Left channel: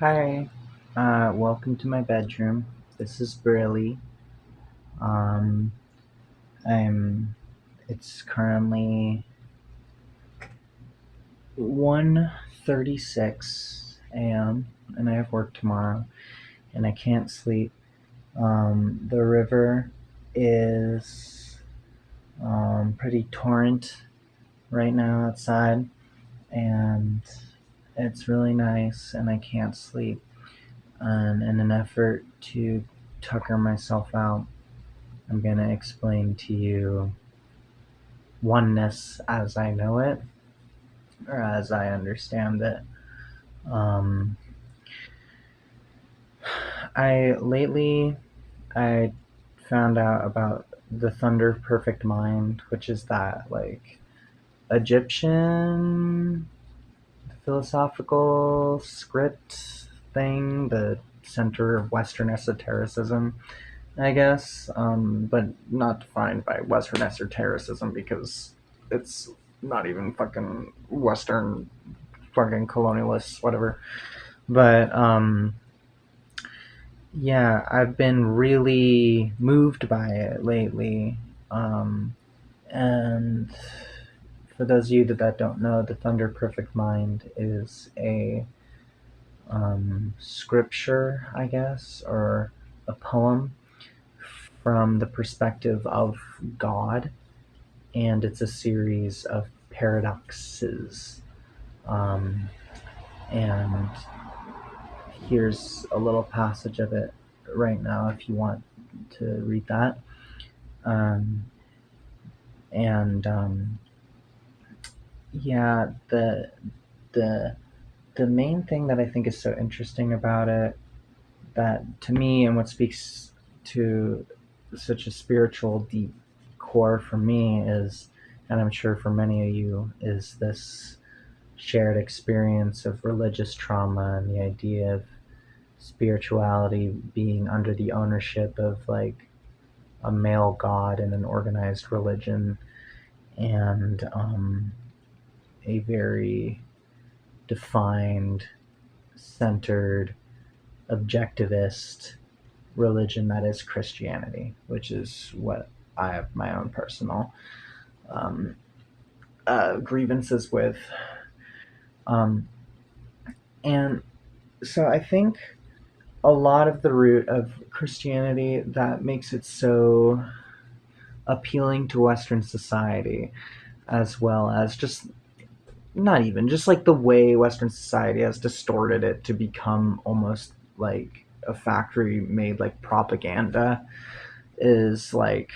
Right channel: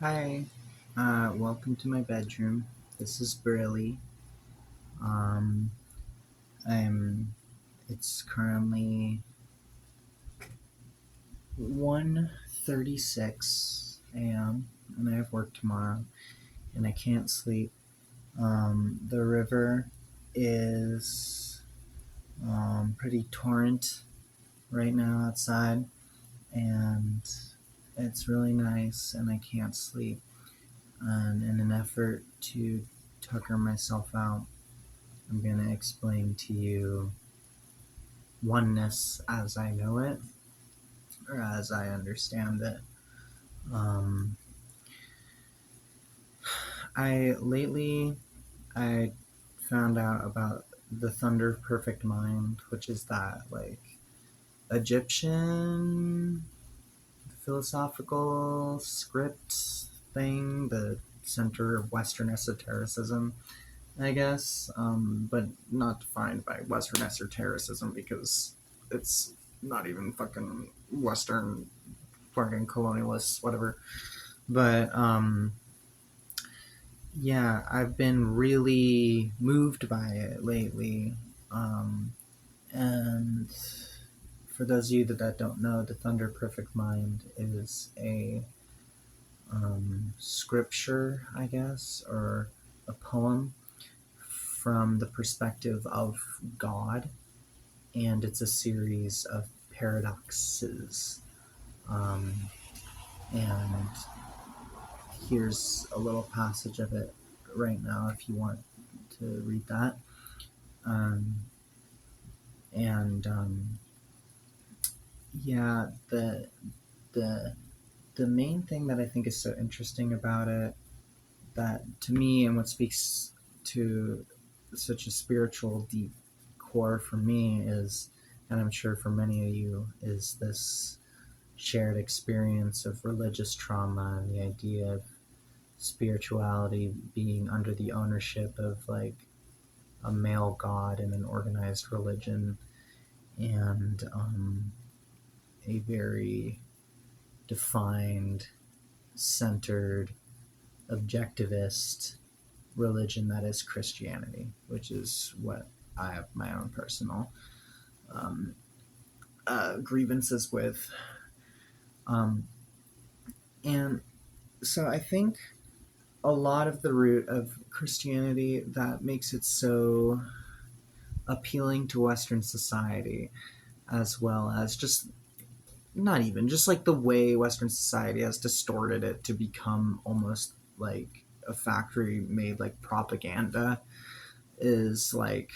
Hi, welcome to my bedroom. This is Briley. Um, I'm. It's currently 1:36 a.m. and I have work tomorrow, and I can't sleep. The river is pretty torrent right now outside, and it's really nice, and I can't sleep. And in an effort to tucker myself out, I'm going to explain to you oneness as I know it, or as I understand it. Um, I found out about the Thunder Perfect Mind, which is that like Egyptian philosophical script thing, the center of Western esotericism, I guess, but not defined by Western esotericism because it's not even fucking Western fucking colonialists, whatever. But yeah, I've been really moved by it lately. Um, and for those of you that don't know, the Thunder Perfect Mind is a scripture, I guess, or a poem from the perspective of God, and it's a series of paradoxes. Um, and here's a little passage of it right now if you want to read that. Um, and yeah, the the main thing that I think is so interesting about it, that to me, and what speaks to such a spiritual deep core for me is, and I'm sure for many of you, is this shared experience of religious trauma and the idea of spirituality being under the ownership of like a male god in an organized religion, and a very defined, centered, objectivist religion that is Christianity, which is what I have my own personal um, grievances with. Um, and so I think a lot of the root of Christianity that makes it so appealing to Western society, as well as just not even just like the way Western society has distorted it to become almost like a factory made like propaganda, is like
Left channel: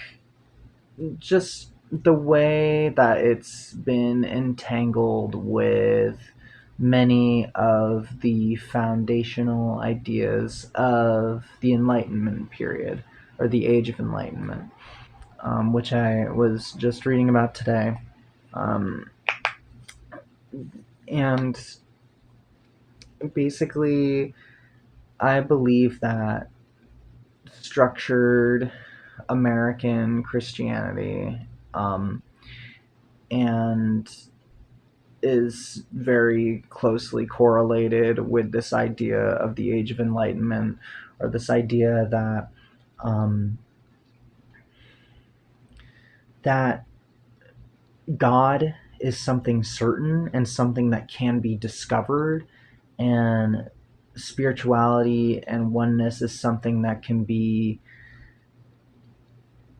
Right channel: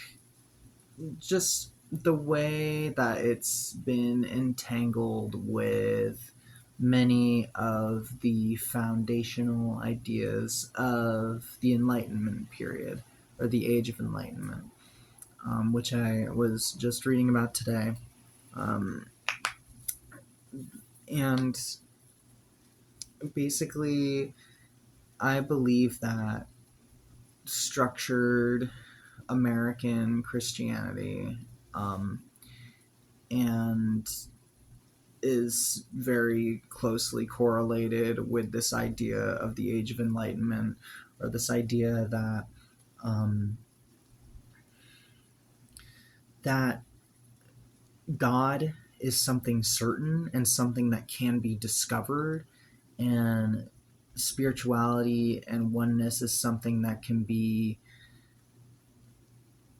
just the way that it's been entangled with many of the foundational ideas of the Enlightenment period, or the Age of Enlightenment, which I was just reading about today. Um, and basically, I believe that structured American Christianity, um, and is very closely correlated with this idea of the Age of Enlightenment, or this idea that um, that God is something certain and something that can be discovered, and spirituality and oneness is something that can be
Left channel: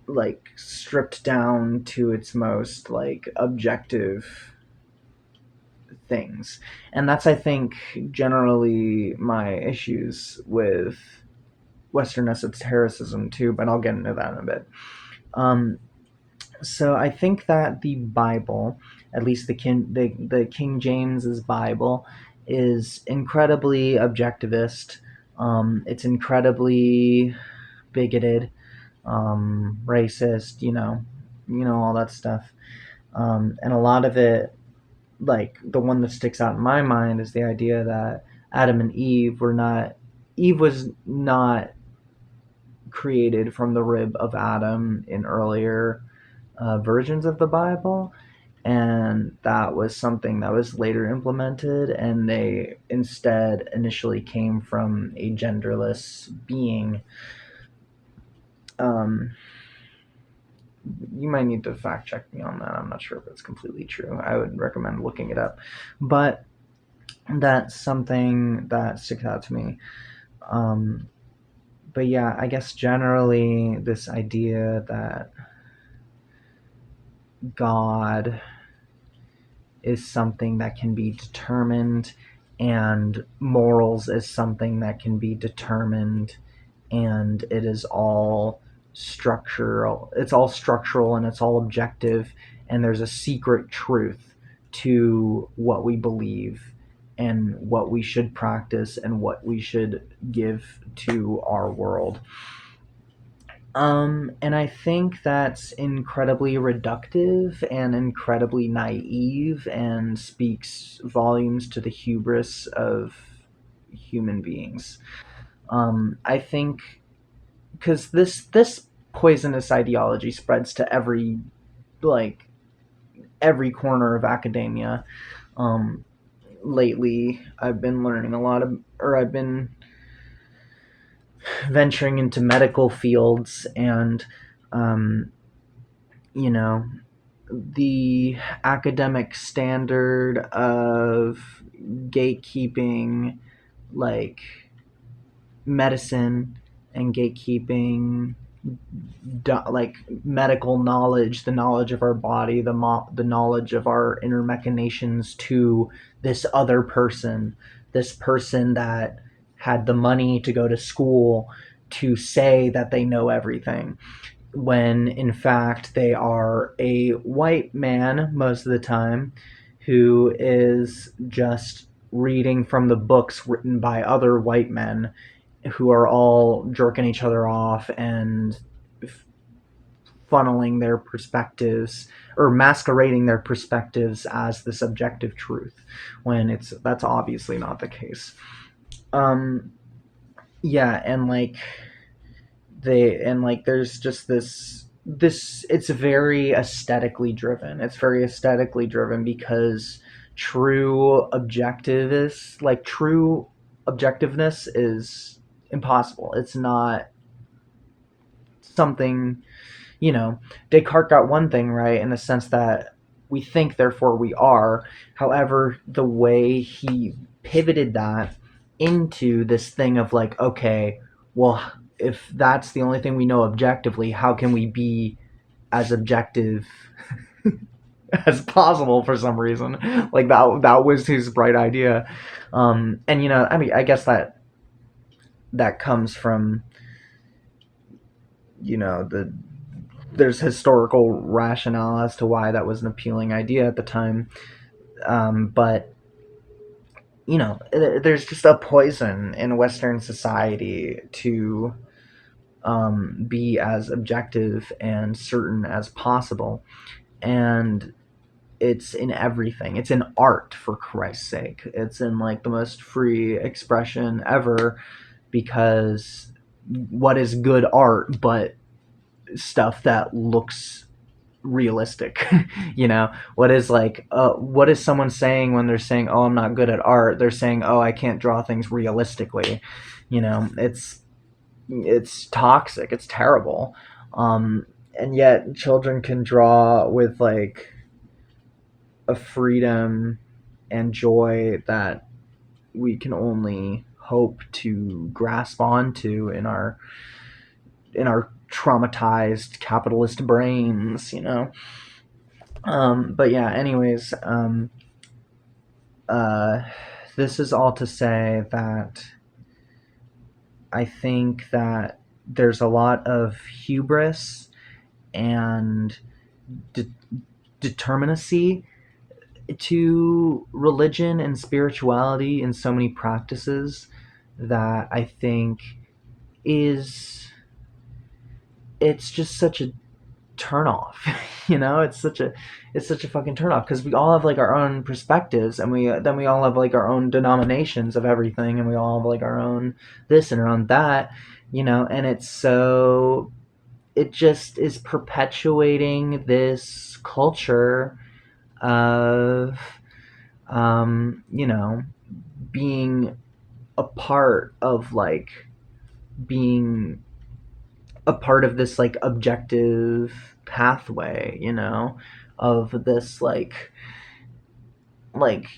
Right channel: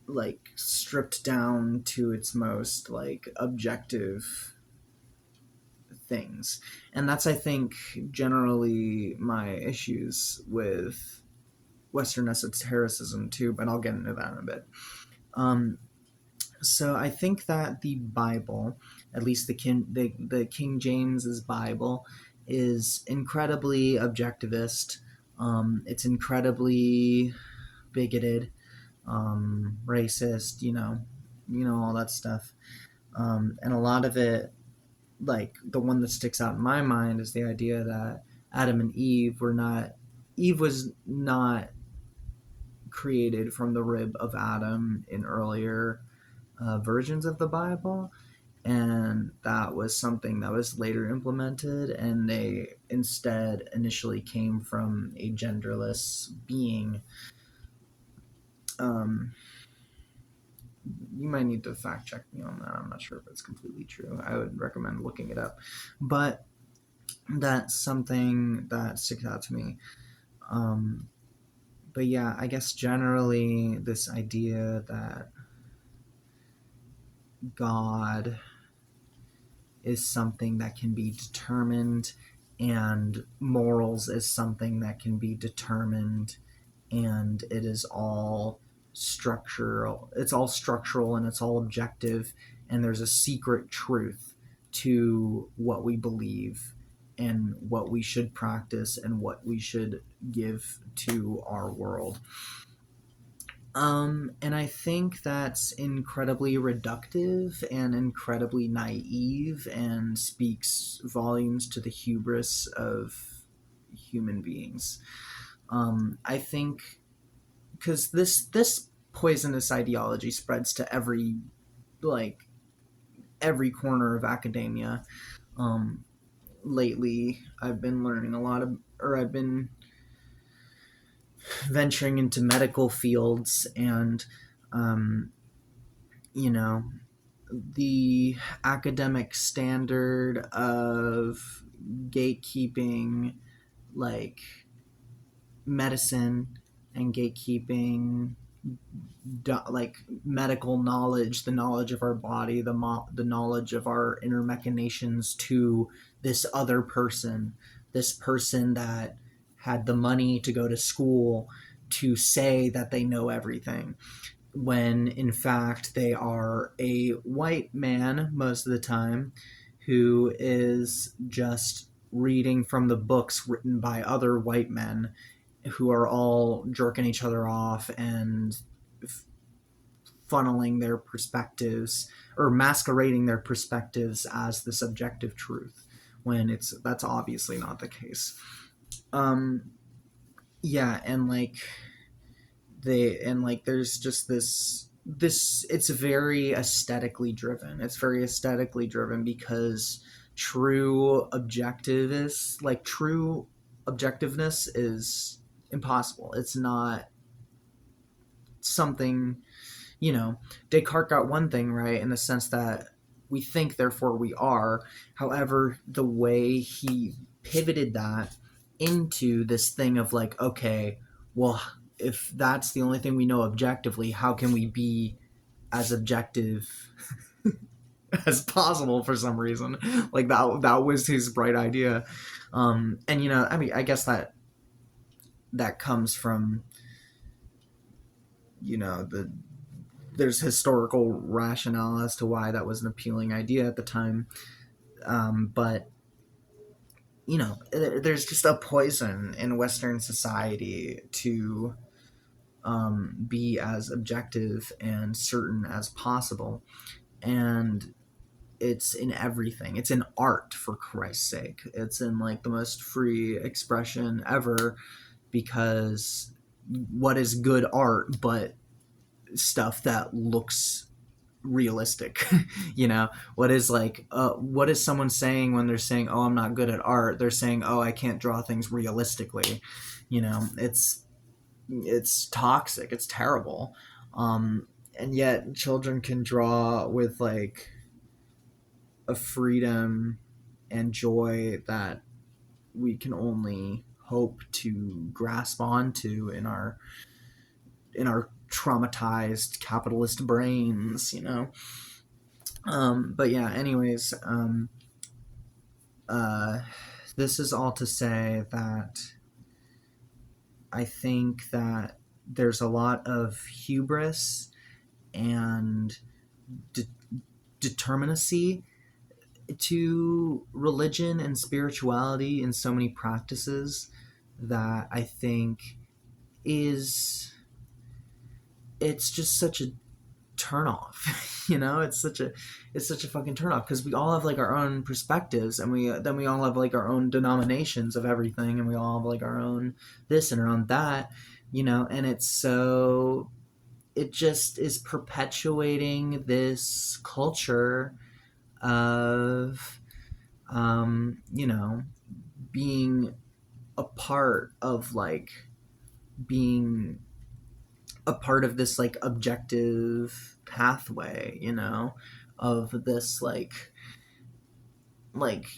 like stripped down to its most like objective things. And that's, I think, generally my issues with Western esotericism too, but I'll get into that in a bit. Um, so I think that the Bible, at least the King James's Bible, is incredibly objectivist. It's incredibly bigoted, racist, all that stuff. And a lot of it, like the one that sticks out in my mind, is the idea that Adam and Eve was not created from the rib of Adam in earlier versions of the Bible, and that was something that was later implemented, and they instead initially came from a genderless being. um, you might need to fact check me on that. I'm not sure if it's completely true. I would recommend looking it up, but that's something that sticks out to me. um, but yeah, I guess generally this idea that God is something that can be determined, and morals is something that can be determined, and it is all structural. It's all structural and it's all objective, and there's a secret truth to what we believe and what we should practice and what we should give to our world. And I think that's incredibly reductive and incredibly naive and speaks volumes to the hubris of human beings. I think because this poisonous ideology spreads to like every corner of academia. Um, Lately, I've been learning a lot of, or I've been venturing into medical fields, and um, you know, the academic standard of gatekeeping, like medicine, and gatekeeping like medical knowledge, the knowledge of our body, the knowledge of our inner machinations, to this other person, this person that had the money to go to school to say that they know everything, when in fact they are a white man most of the time who is just reading from the books written by other white men who are all jerking each other off and funneling their perspectives, or masquerading their perspectives as the subjective truth, when that's obviously not the case. um yeah, and like there's just this it's very aesthetically driven. It's very aesthetically driven because true objectiveness is impossible. It's not something, Descartes got one thing right, in the sense that we think, therefore we are. However, the way he pivoted that into this thing of like, okay, well, if that's the only thing we know objectively, how can we be as objective as possible for some reason? Like that was his bright idea. And I mean, I guess that comes from, the there's historical rationale as to why that was an appealing idea at the time. But there's just a poison in Western society to be as objective and certain as possible, and it's in everything. It's in art, for Christ's sake. It's in like the most free expression ever, because what is good art but stuff that looks realistic? What is someone saying when they're saying, oh, I'm not good at art? They're saying, oh, I can't draw things realistically. It's toxic, it's terrible. And yet children can draw with like a freedom and joy that we can only hope to grasp onto in our traumatized capitalist brains. But yeah, anyways, uh, this is all to say that I think that there's a lot of hubris and de- determinacy to religion and spirituality in so many practices, that I think is it's just such a turn off. It's such a fucking turn off, because we all have like our own perspectives, and we all have like our own denominations of everything, and we all have like our own this and our own that, and it just is perpetuating this culture of you know, being a part of like being a part of this like objective pathway, you know, of this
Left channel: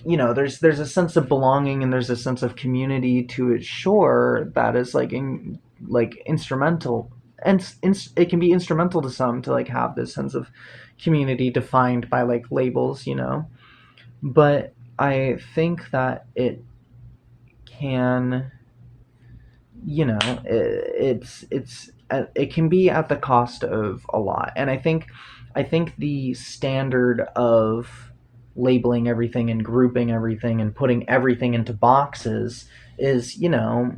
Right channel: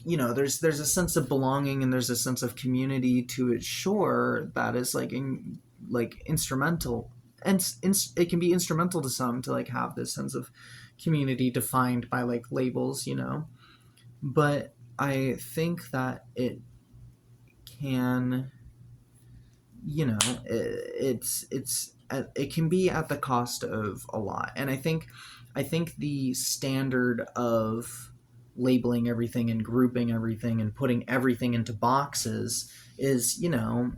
you know, there's a sense of belonging and there's a sense of community to its shore that is like instrumental, and it can be instrumental to some to like have this sense of community defined by like labels, you know. But I think that it can, you know, it can be at the cost of a lot. And I think the standard of labeling everything and grouping everything and putting everything into boxes is, you know,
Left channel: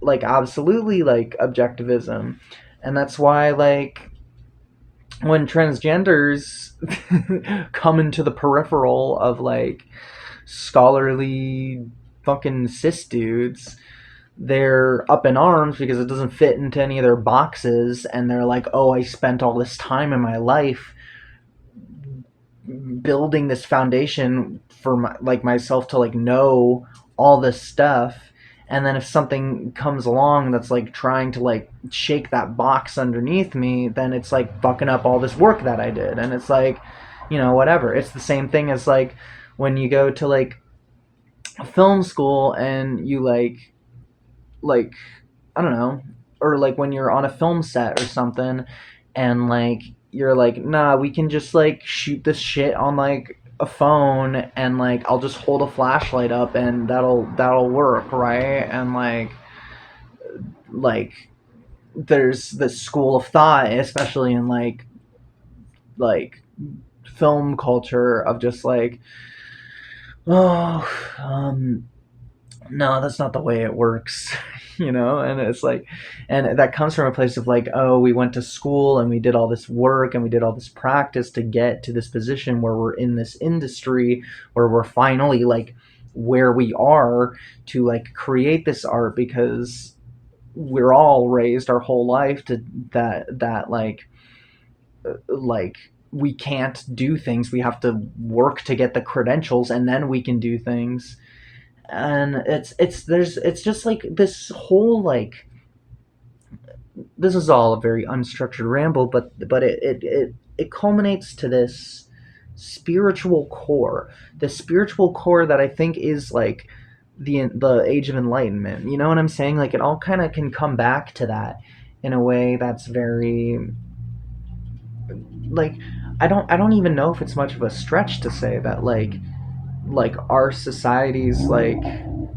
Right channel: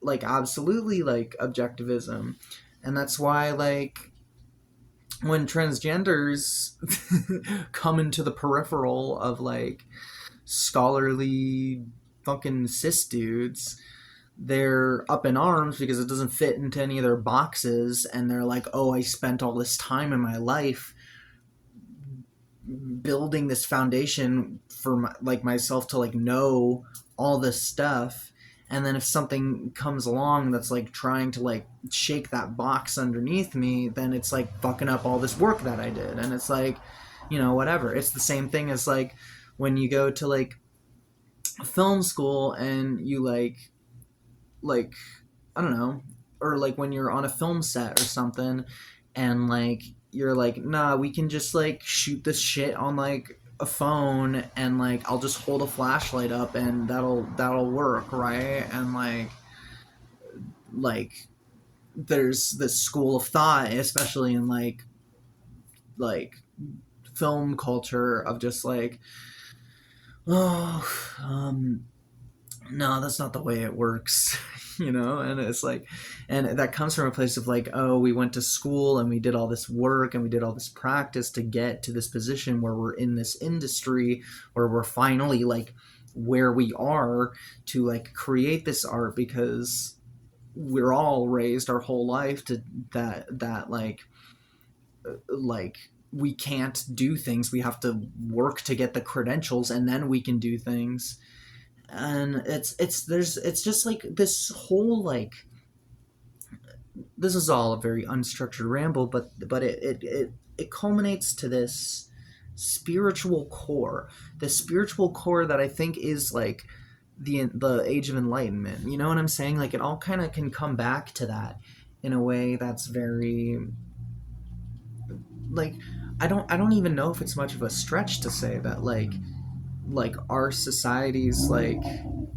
like absolutely like objectivism. And that's why like when transgenders come into the peripheral of like scholarly fucking cis dudes, they're up in arms because it doesn't fit into any of their boxes, and they're like, oh, I spent all this time in my life building this foundation for like myself to like know all this stuff, and then if something comes along that's like trying to like shake that box underneath me, then it's like fucking up all this work that I did. And it's like, you know, whatever. It's the same thing as like when you go to like film school and you like I don't know, or like when you're on a film set or something, and like you're like, nah, we can just like shoot this shit on like a phone, and like I'll just hold a flashlight up and that'll work, right? And like there's this school of thought, especially in like film culture, of just like, oh, no, that's not the way it works. You know. And it's like, and that comes from a place of like, oh, we went to school and we did all this work and we did all this practice to get to this position where we're in this industry, where we're finally like where we are to like create this art, because we're all raised our whole life to that like we can't do things, we have to work to get the credentials and then we can do things. And it's just like this whole like, this is all a very unstructured ramble, but it culminates to this spiritual core, the spiritual core that I think is like the age of enlightenment. You know what I'm saying? Like it all kind of can come back to that in a way that's very like, I don't even know if it's much of a stretch to say that like our society's like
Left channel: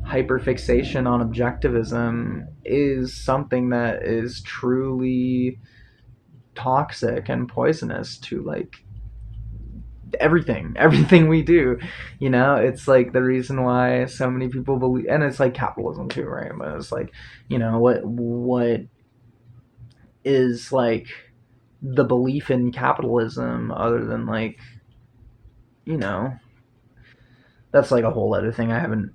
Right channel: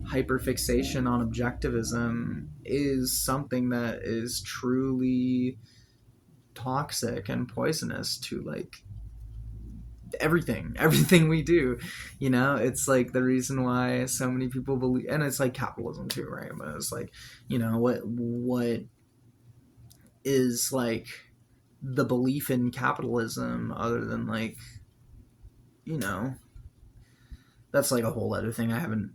hyperfixation on objectivism is something that is truly toxic and poisonous to like everything we do. You know, it's like the reason why so many people believe, and it's like capitalism too, right? But it's like, you know, what is like the belief in capitalism other than like, you know, that's like a whole other thing I haven't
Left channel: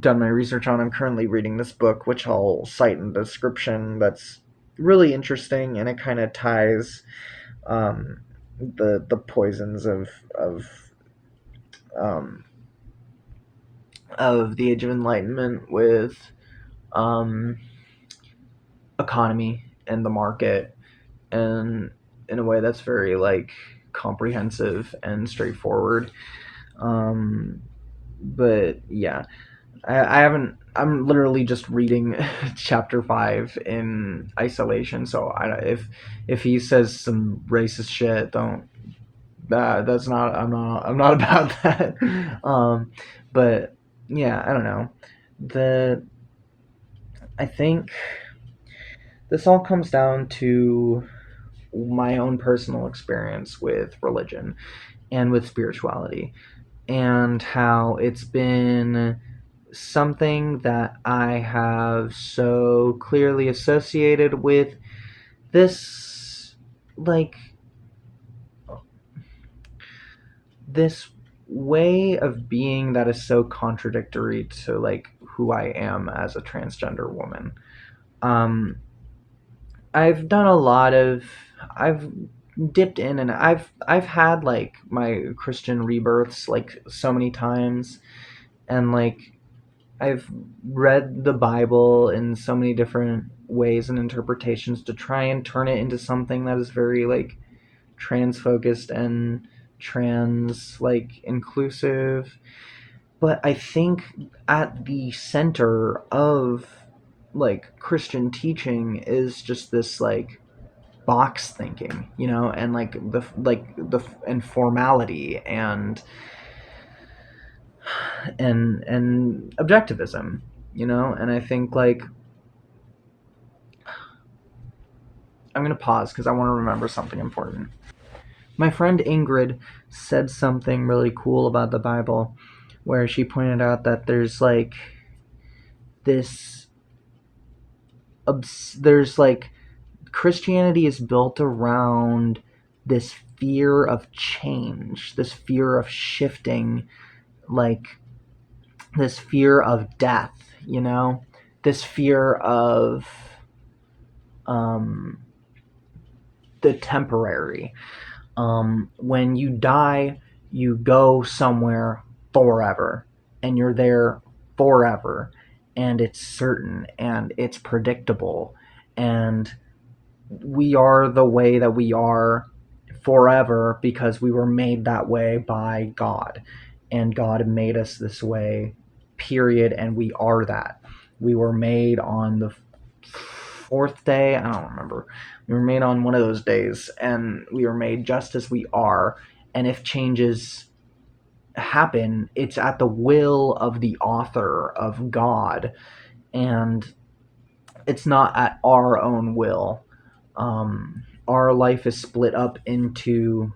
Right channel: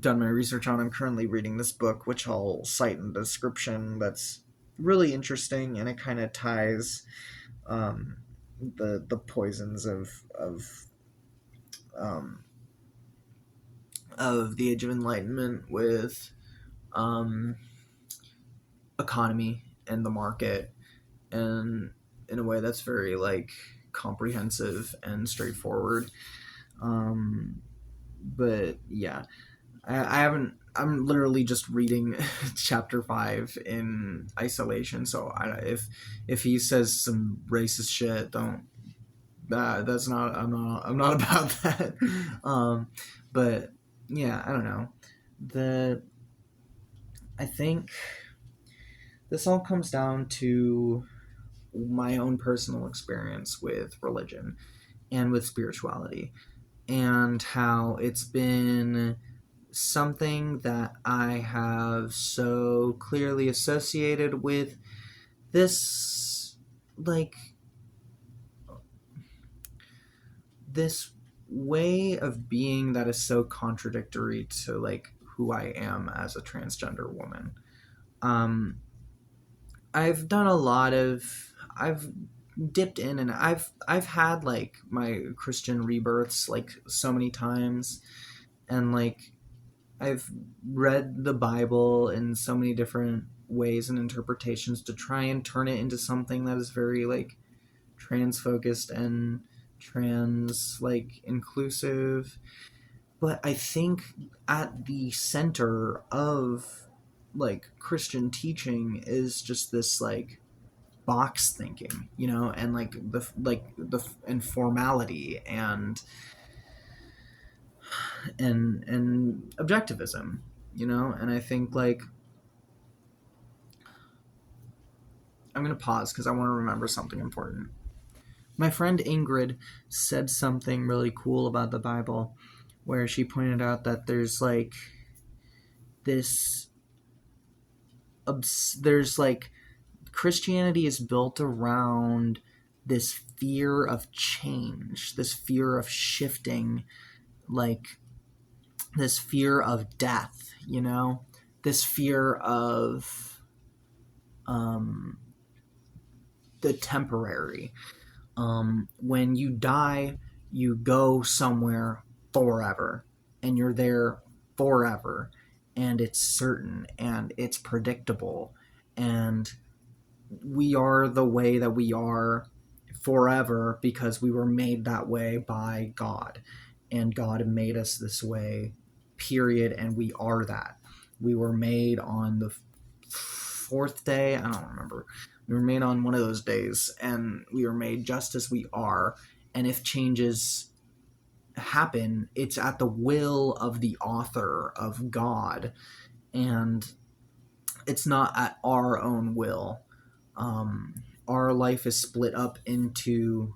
done my research on. I'm currently reading this book, which I'll cite in the description, that's really interesting, and it kind of ties the poisons um, of the Age of Enlightenment with um, economy and the market, and in a way that's very like comprehensive and straightforward. Um, but yeah, I haven't. I'm literally just reading chapter 5 in isolation. So if he says some racist shit, don't. That's not. I'm not about that. But yeah, I don't know. The I think this all comes down to my own personal experience with religion and with spirituality, and how it's been something that I have so clearly associated with this, like, this way of being that is so contradictory to, like, who I am as a transgender woman. Um, I've done a lot of, I've dipped in, and I've had like my Christian rebirths like so many times, and like I've read the Bible in so many different ways and interpretations to try and turn it into something that is very like trans focused and trans like inclusive. But I think at the center of like Christian teaching is just this like box thinking, you know, and like the and formality and objectivism, you know. And I think like I'm gonna pause because I want to remember something important. My friend Ingrid said something really cool about the Bible, where she pointed out that there's like this there's like Christianity is built around this fear of change, this fear of shifting, like this fear of death, you know, this fear of um, the temporary. When you die, you go somewhere forever, and you're there forever, and it's certain and it's predictable, and we are the way that we are forever because we were made that way by God, and God made us this way, period, and we are that. We were made on the fourth day, I don't remember. We were made on one of those days, and we were made just as we are. And if changes happen, it's at the will of the author, of God, and it's not at our own will. Our life is split up into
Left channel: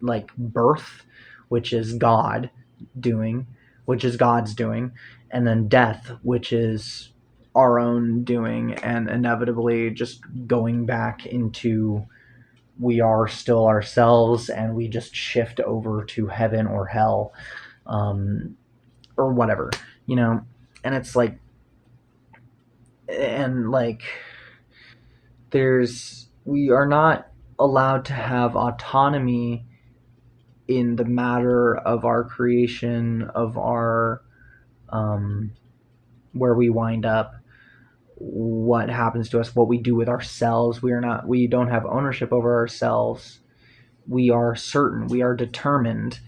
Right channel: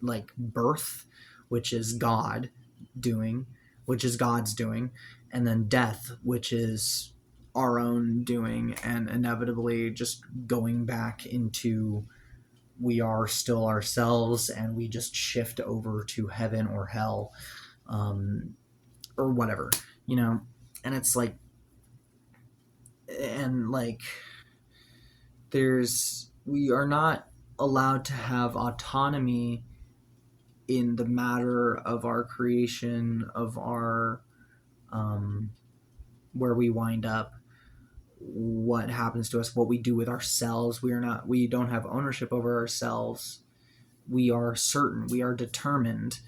like birth, which is God doing, which is God's doing, and then death, which is our own doing, and inevitably just going back into we are still ourselves, and we just shift over to heaven or hell, um, or whatever, you know. And it's like, and like we are not allowed to have autonomy in the matter of our creation, of our um, where we wind up, what happens to us, what we do with ourselves. We don't have ownership over ourselves. We are certain, we are determined,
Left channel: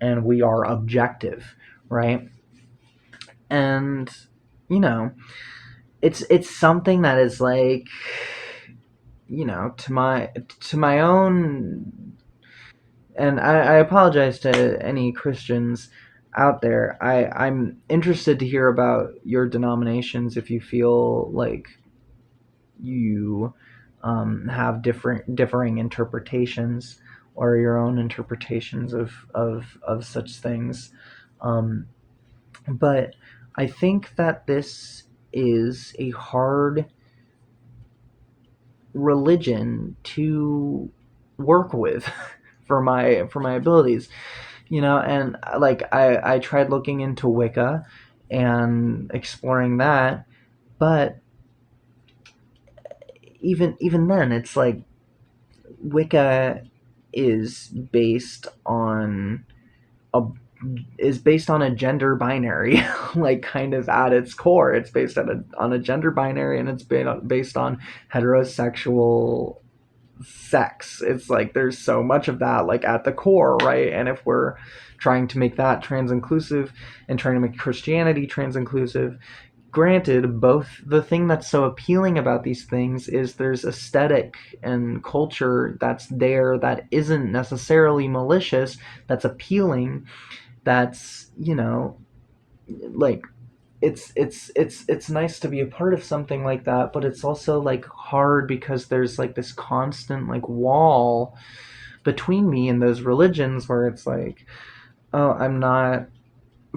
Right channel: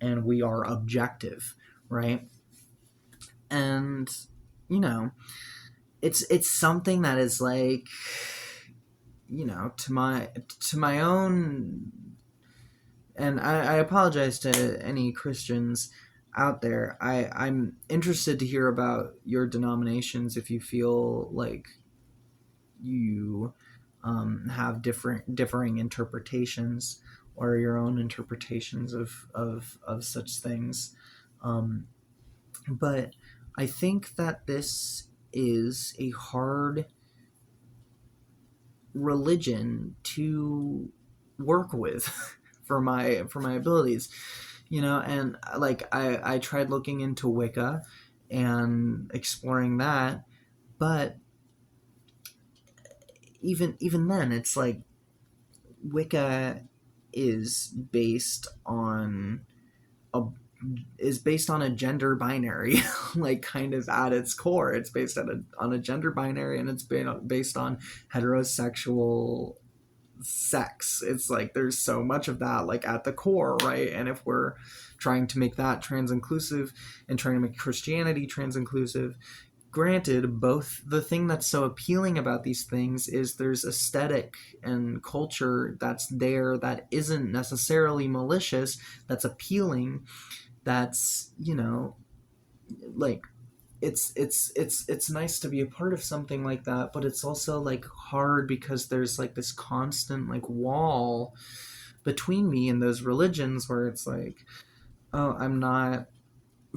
and we are objective, right? And you know, it's something that is like, you know, to my own, and I apologize to any Christians out there. I'm interested to hear about your denominations if you feel like you have differing interpretations, or your own interpretations of such things. Um, but I think that this is a hard religion to work with for my abilities, you know. And like I tried looking into Wicca and exploring that, but even then it's like Wicca is based on a a gender binary, like kind of at its core. It's based on a gender binary, and it's based on heterosexual sex. It's like there's so much of that like at the core, right? And if we're trying to make that trans inclusive and trying to make Christianity trans inclusive, granted, both, the thing that's so appealing about these things is there's aesthetic and culture that's there that isn't necessarily malicious, that's appealing, that's, you know, like it's nice to be a part of something like that. But it's also like hard because there's like this constant like wall between me and those religions, where it's like, oh, I'm not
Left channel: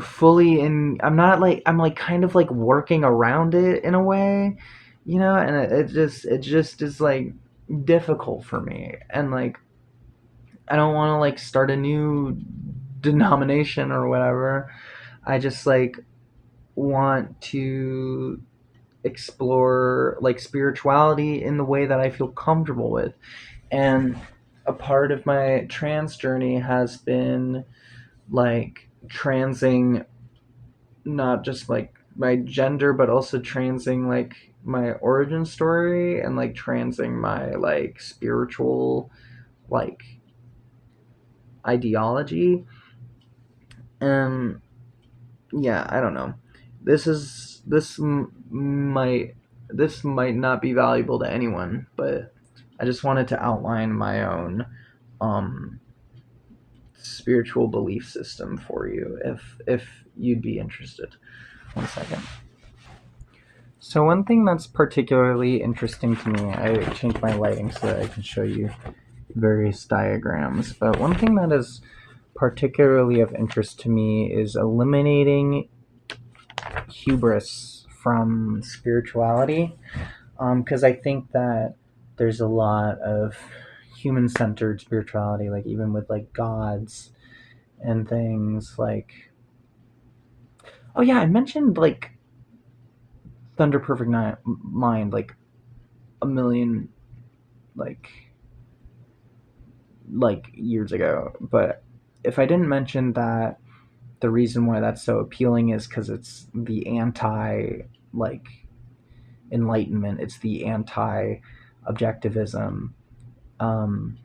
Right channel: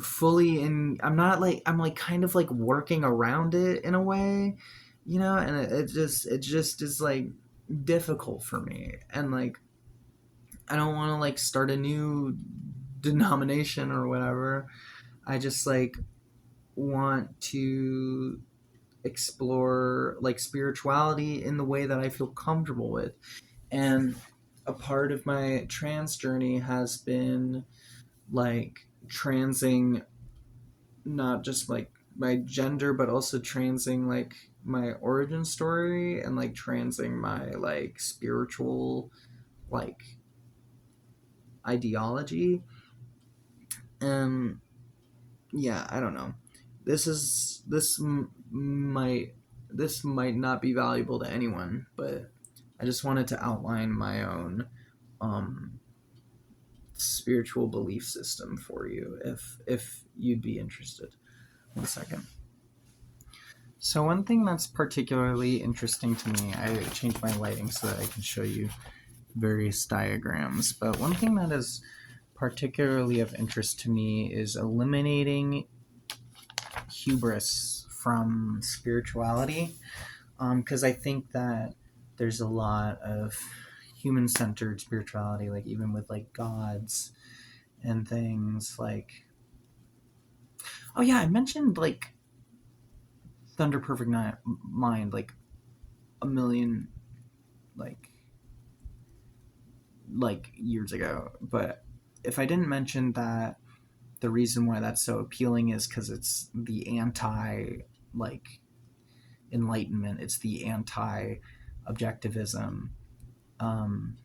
fully in, I'm like kind of like working around it in a way, you know. And it just is like difficult for me. And like I don't want to like start a new denomination or whatever. I just like want to explore like spirituality in the way that I feel comfortable with. And a part of my trans journey has been like transing not just like my gender, but also transing like my origin story, and like transing my like spiritual like ideology. And yeah, I don't know. Might this might not be valuable to anyone, but I just wanted to outline my own um spiritual belief system for you if you'd be interested. One second. So one thing that's particularly interesting to me, I changed my lighting so that I can show you various diagrams, but one thing that is particularly of interest to me is eliminating hubris from spirituality, because I think that there's a lot of human-centered spirituality, like even with like gods and things like, oh yeah, I mentioned like Thunder Perfect Mind like a million like years ago, but if I didn't mention that the reason why that's so appealing is because it's the anti like enlightenment, it's the anti objectivism. um,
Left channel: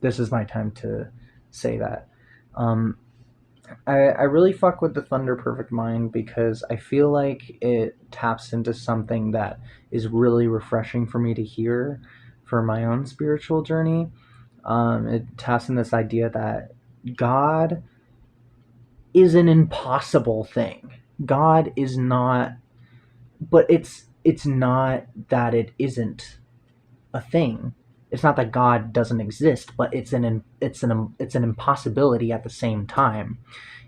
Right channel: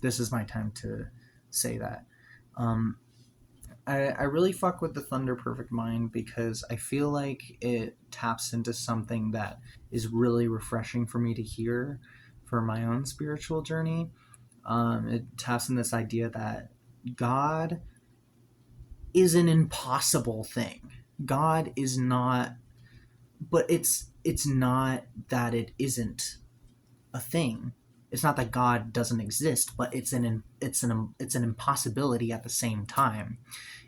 this is my time to say that. um, I really fuck with the Thunder Perfect Mind because I feel like it taps into something that is really refreshing for me to hear for my own spiritual journey. It taps in this idea that God is an impossible thing. God is not, but it's not that it isn't a thing. It's not that God doesn't exist, but it's an impossibility at the same time.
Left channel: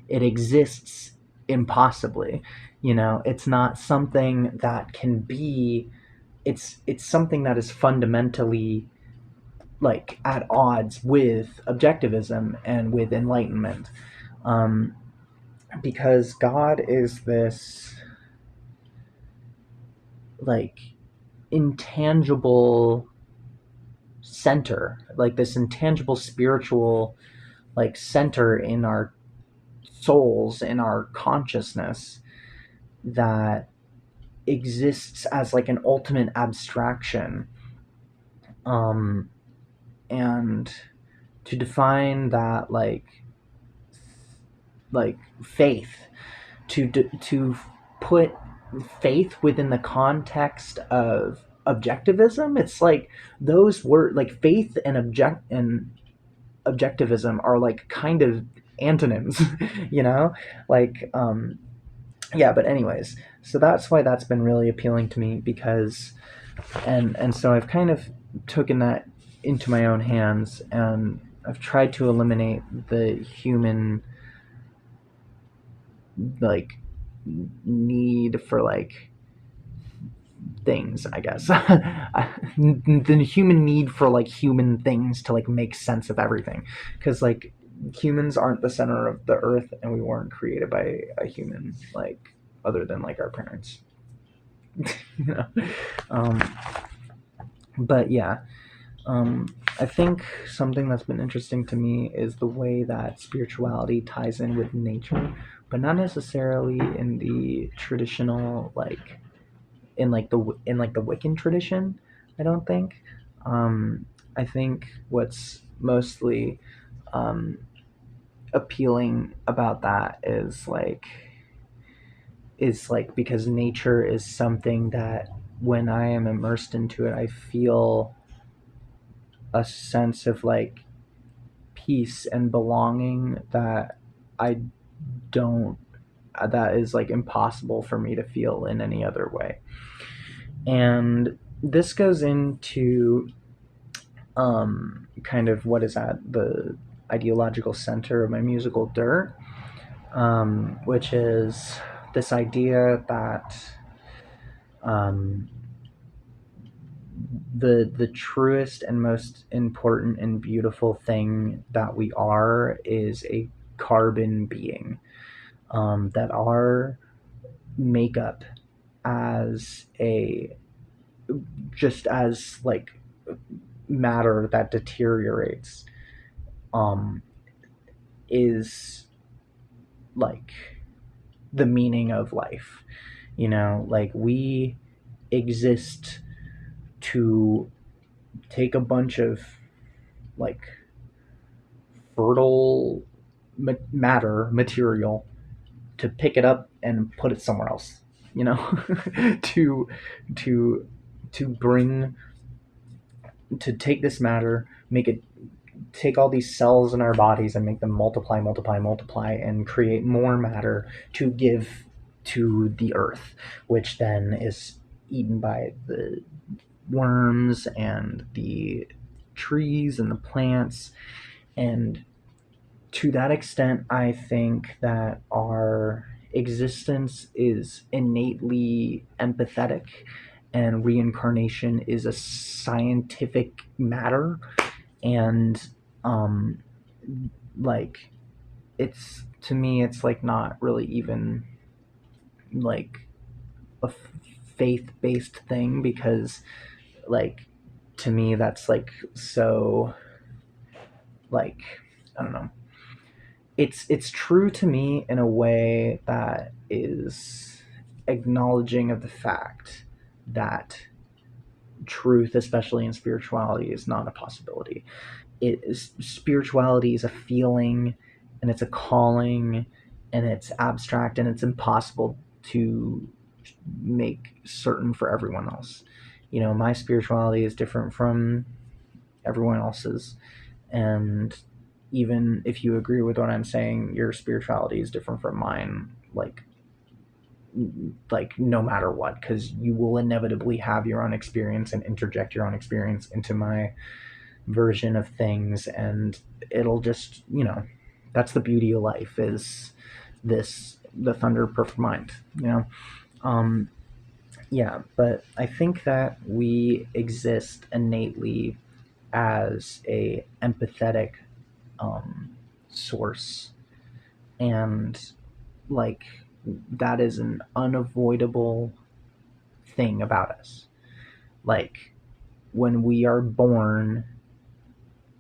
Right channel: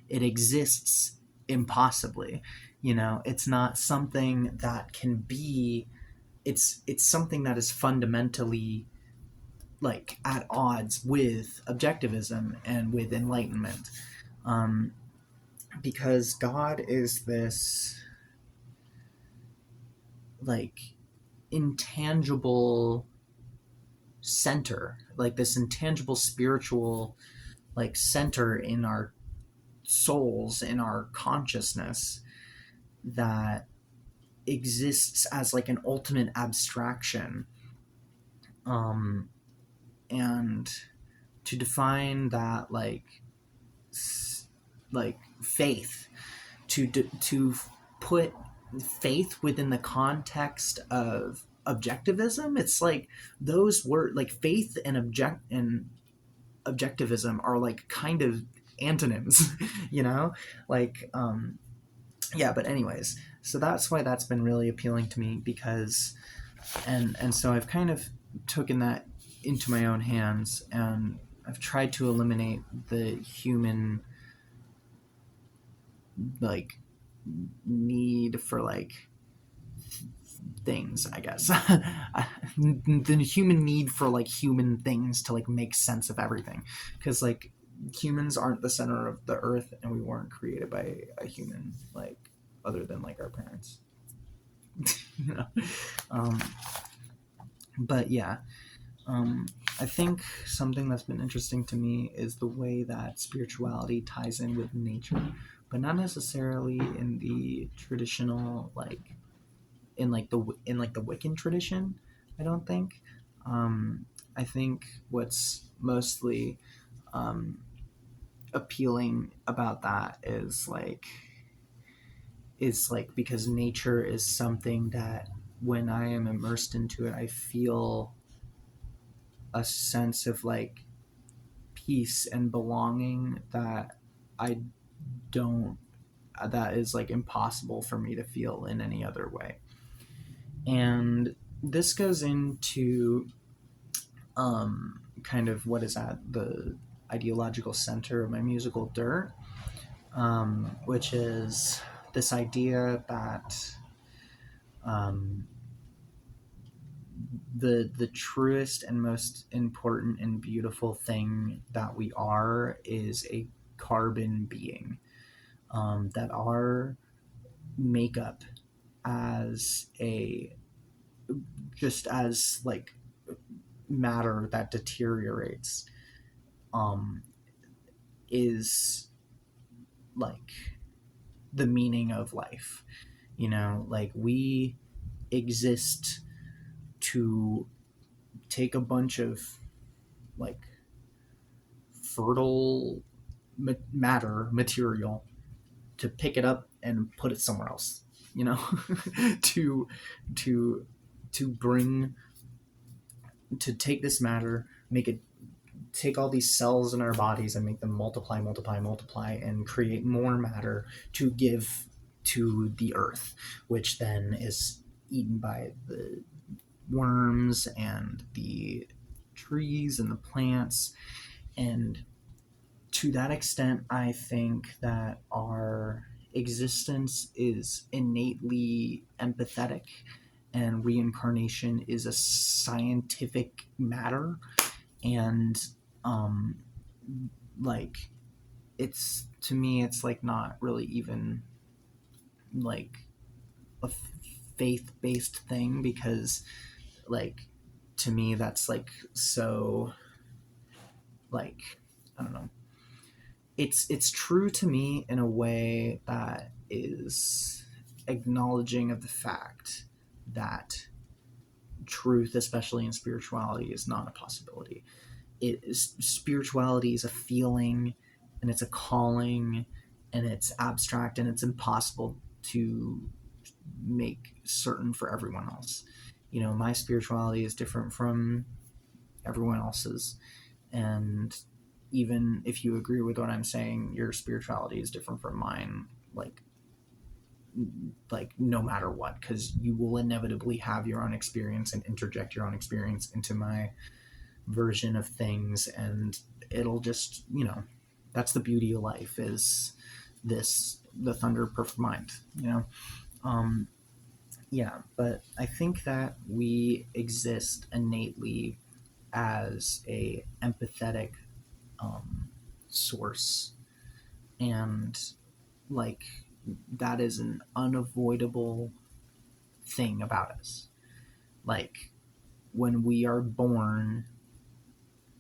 It exists impossibly. You know, it's not something that can be. It's something that is fundamentally like at odds with objectivism and with enlightenment, um, because God is this like intangible center, like this intangible spiritual like center in our souls, in our consciousness, that exists as like an ultimate abstraction. um and to define that like faith, to put faith within the context of objectivism, it's like those were like faith and objectivism are like kind of antonyms, you know, like yeah. But anyways, so that's why that's been really appealing to me, because and so I've kind of taken that into my own hands, and I've tried to eliminate the human like need for like things, I guess. The human need for like human things to like make sense of everything, because like humans aren't the center of the earth, and we weren't created by a human like other than like our parents. You know. um but yeah, um I think something that's been interesting to me is the way that spirituality ties in with nature, but not necessarily in the traditional like in the Wiccan tradition. I don't think. Um, I think what's mostly um, appealing about that is like because nature is something that when I am immersed into it, I feel a sense of like peace and belonging that I don't that is like impossible for me to feel in any other way. And this goes into kind of what is at the ideological center of my musical dirt, which is this idea that um, the truest and most important and beautiful thing that we are is a carbon being. That our makeup as a just as like matter that deteriorates um, is like the meaning of life. Like we exist to take a bunch of like fertile matter material, to pick it up and put it somewhere else, you know to to to bring to take this matter, make it, take all these cells in our bodies and make them multiply, multiply, multiply, and create more matter to give to the earth, which then is eaten by the worms and the trees and the plants. And to that extent, I think that our existence is innately empathetic, and reincarnation is a scientific matter. And um like, it's, to me, it's like not really even like a faith-based thing, because like, to me, that's like, so like, I don't know, it's true to me in a way that is acknowledging of the fact that truth, especially in spirituality, is not a possibility. Spirituality is a feeling, and it's a calling, and it's abstract, and it's impossible to make certain for everyone else. My spirituality is different from everyone else's, and even if you agree with what I'm saying, your spirituality is different from mine, like no matter what, because you will inevitably have your own experience and interject your own experience into my version of things, and it'll just, that's the beauty of life, is the thunder of perfect mind. um yeah, but I think that we exist innately as a empathetic source, and like, that is an unavoidable thing about us. Like, when we are born,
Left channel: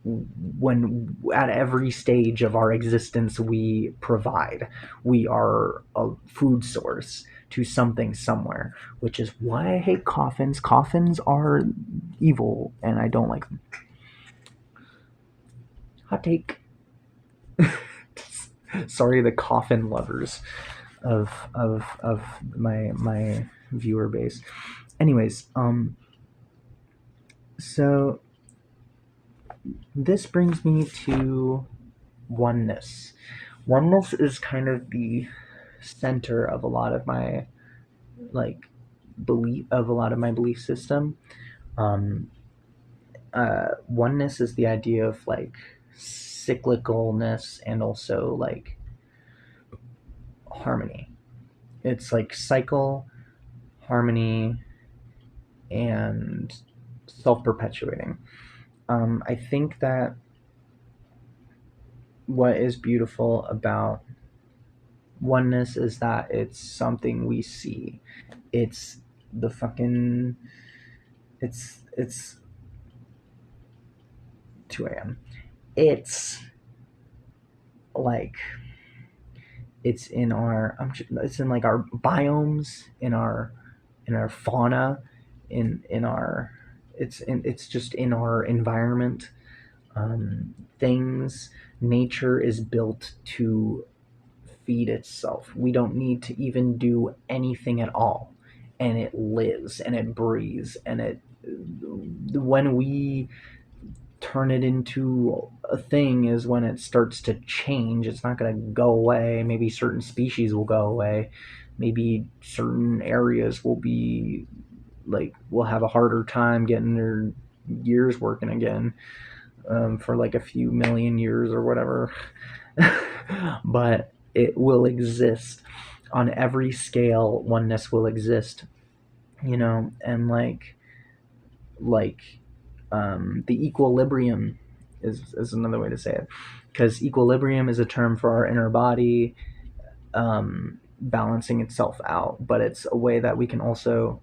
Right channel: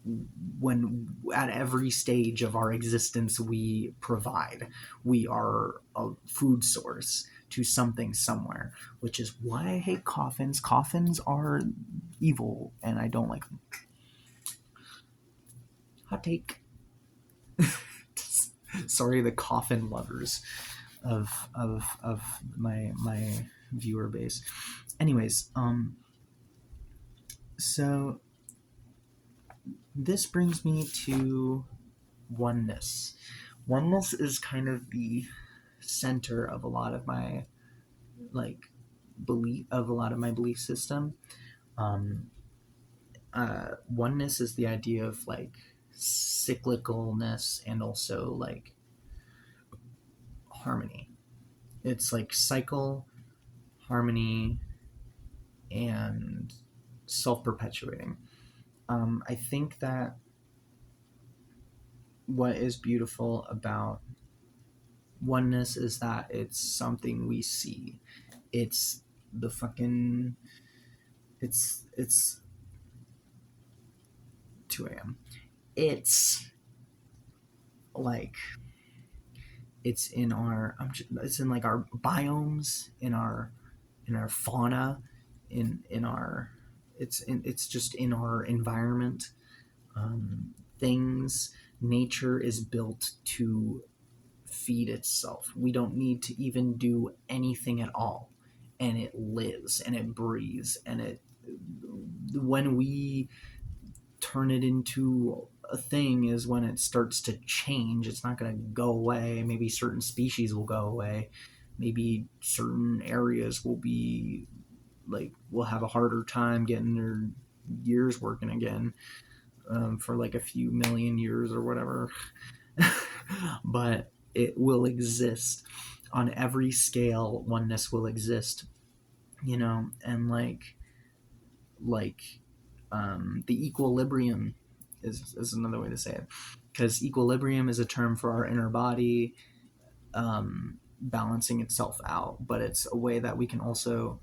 when at every stage of our existence we provide, we are a food source to something somewhere, which is why I hate coffins. Coffins are evil and I don't like them. Hot take. Sorry, the coffin lovers of my viewer base. Anyways, so this brings me to oneness. Oneness is kind of the center of a lot of my like a lot of my belief system. Um, Oneness is the idea of like cyclicalness and also like harmony. It's like cycle, harmony, and self-perpetuating. I think that what is beautiful about oneness is that it's something we see. It's the fucking it's 2 a.m. It's like, it's in our it's in like our biomes, in our fauna, in our it's just in our environment. Things Nature is built to feed itself. We don't need to even do anything at all, and it lives and it breathes, and it when we turn it into a thing is when it starts to change. It's not going to go away. Maybe certain species will go away. Maybe certain areas will be like, will have a harder time getting their gears working again, for like a few million years or whatever. But it will exist on every scale. Oneness will exist, and like the equilibrium is another way to say it, because equilibrium is a term for our inner body balancing itself out, but it's a way that we can also